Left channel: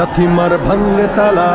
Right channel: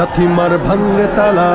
লাথি মার ভাঙরে তালা,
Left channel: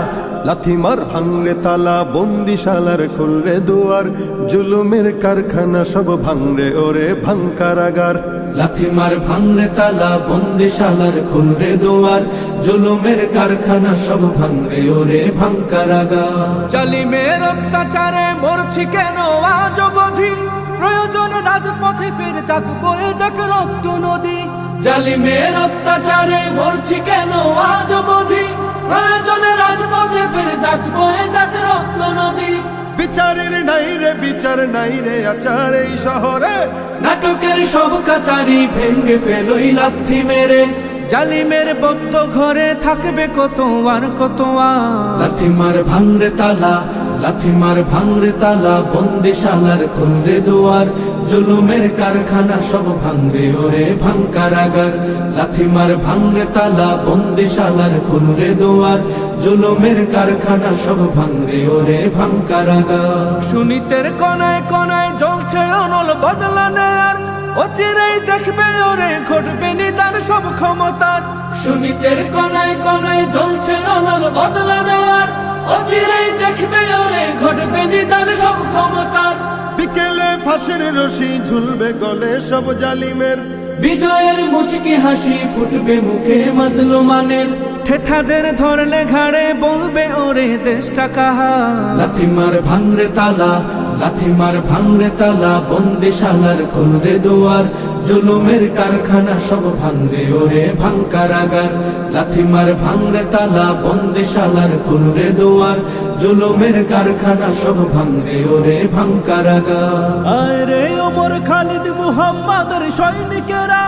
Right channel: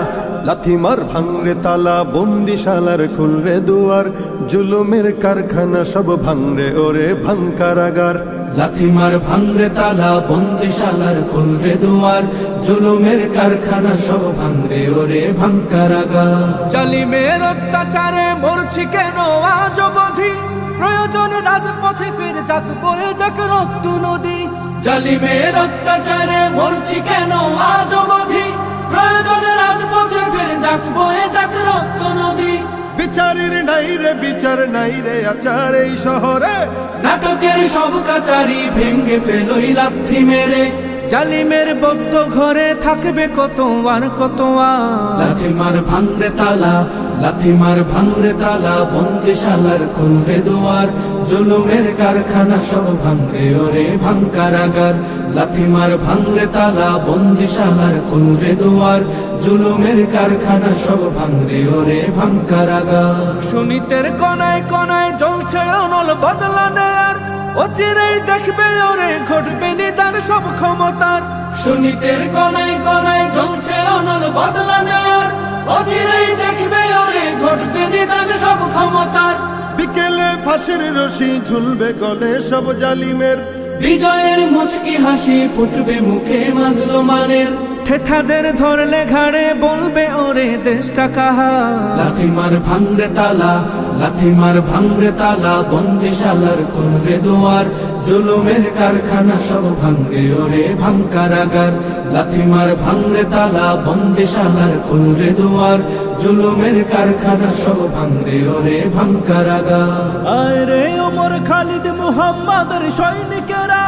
লাথি মার ভাঙরে তালা, বন্দিশালার খুলরে দুয়ার, জুলুমের কারখানা সব ভাঙরে ওরে ভাঙ কারাগার। লাথি মার ভাঙরে তালা, বন্দিশালার খুলরে দুয়ার, জুলুমের কারখানা সব ভাঙরে ওরে ভাঙ কারাগার। জালিমের অত্যাচারে মরছি কেন আজ অবধি, প্রয়োজনে রাজপথে ফের যাক বয়ে যাক রক্ত নদী। জালিমের অত্যাচারে মরছি কেন আজ অবধি, প্রয়োজনে রাজপথে ফের যাক বয়ে যাক রক্ত নদী। বিচারের নাই রে বিচার নাই রে আচার এই শহরে, নাটকের সব কাচারি ভেঙ্গে ফেলোই লাথি মেরে। জালিমের বদ্ধ ঘরে থাকবে কত আর কত আর। লাথি মার ভাঙরে তালা, লাথি মার ভাঙরে তালা, বন্দিশালার খুলরে দুয়ার, জুলুমের কারখানা সব ভাঙরে ওরে ভাঙ কারাগার। লাথি মার ভাঙরে তালা, বন্দিশালার খুলরে দুয়ার, জুলুমের কারখানা সব ভাঙরে ওরে ভাঙ কারাগার। সুনীতের কোনায় কোনায় জ্বলছে অনল বদলা নেয়ার, অচিরেই দেখবে ওরে ঘটবে নিদান সব ক্ষমতার। সুনীতের কোনায় কোনায় জ্বলছে অনল বদলা নেয়ার, অচিরেই দেখবে ওরে ঘটবে নিদান সব ক্ষমতার। বিকেলে ফাঁসের রশি ঝুলবে গলে সব জালিমের, বিজয়ের মুচকি হাসি ফুটবে মুখে মাজলুমানের। ঠেঠাদের ধরলে ঘাড়ে বলবে ওরে দেশটা কাহার। লাথি মার ভাঙরে তালা, লাথি মার ভাঙরে তালা, বন্দিশালার খুলরে দুয়ার, জুলুমের কারখানা সব ভাঙরে ওরে ভাঙ কারাগার। লাথি মার ভাঙরে তালা, বন্দিশালার খুলরে দুয়ার, জুলুমের কারখানা সব ভাঙরে ওরে ভাঙ কারাগার। আয় রে ওমর খালিদ মুহাম্মাদের সৈনিকেরা,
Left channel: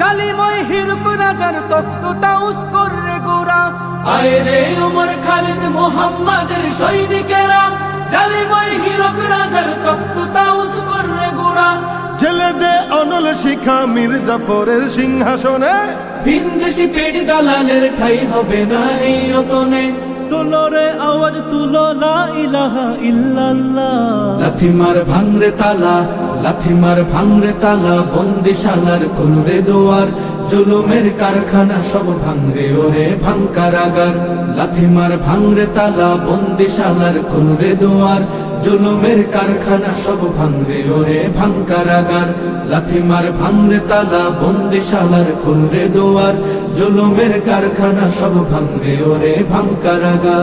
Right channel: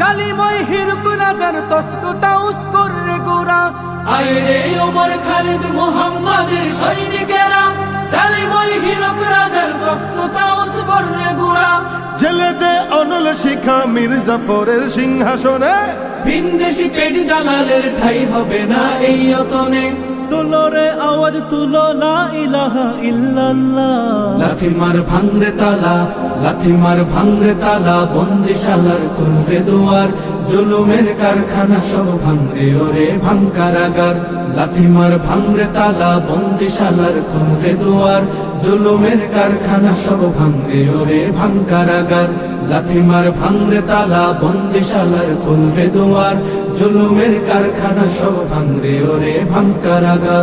জালিময় হিরক রাজার তখ্ত তাউস করে গোরা। আয় রে ওমর খালিদ মুহাম্মাদের সৈনিকেরা, জালিময় হিরক রাজার তখ্ত তাউস করে গোরা। জেলে দে অনল শিখা মীর জাফরের সিংহাসনে, ভিনদেশি পেট দালালের ঠাই হবে না এই অতনে। তুলো রে আওয়াজ তুলো লা ইলাহা ইল্লাল্লাহ। লাথি মার ভাঙরে তালা, লাথি মার ভাঙরে তালা, বন্দিশালার খুলরে দুয়ার, জুলুমের কারখানা সব ভাঙরে ওরে ভাঙ কারাগার। লাথি মার ভাঙরে তালা, বন্দিশালার খুলরে দুয়ার, জুলুমের কারখানা সব ভাঙরে ওরে ভাঙ কারাগার। লাথি মার ভাঙরে তালা, বন্দিশালার খুলরে দুয়ার, জুলুমের কারখানা সব ভাঙরে ওরে ভাঙ কারাগার।